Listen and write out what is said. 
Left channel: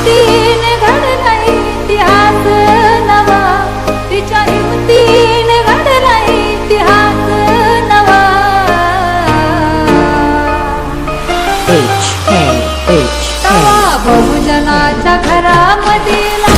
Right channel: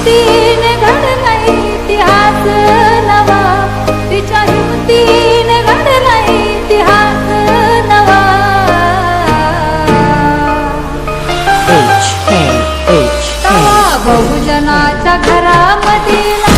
हिमतीने घडला इतिहास नवा, तिच्या हिमतीने घडला इतिहास नवा. HNH तवा बहुजनाच्या घरामधील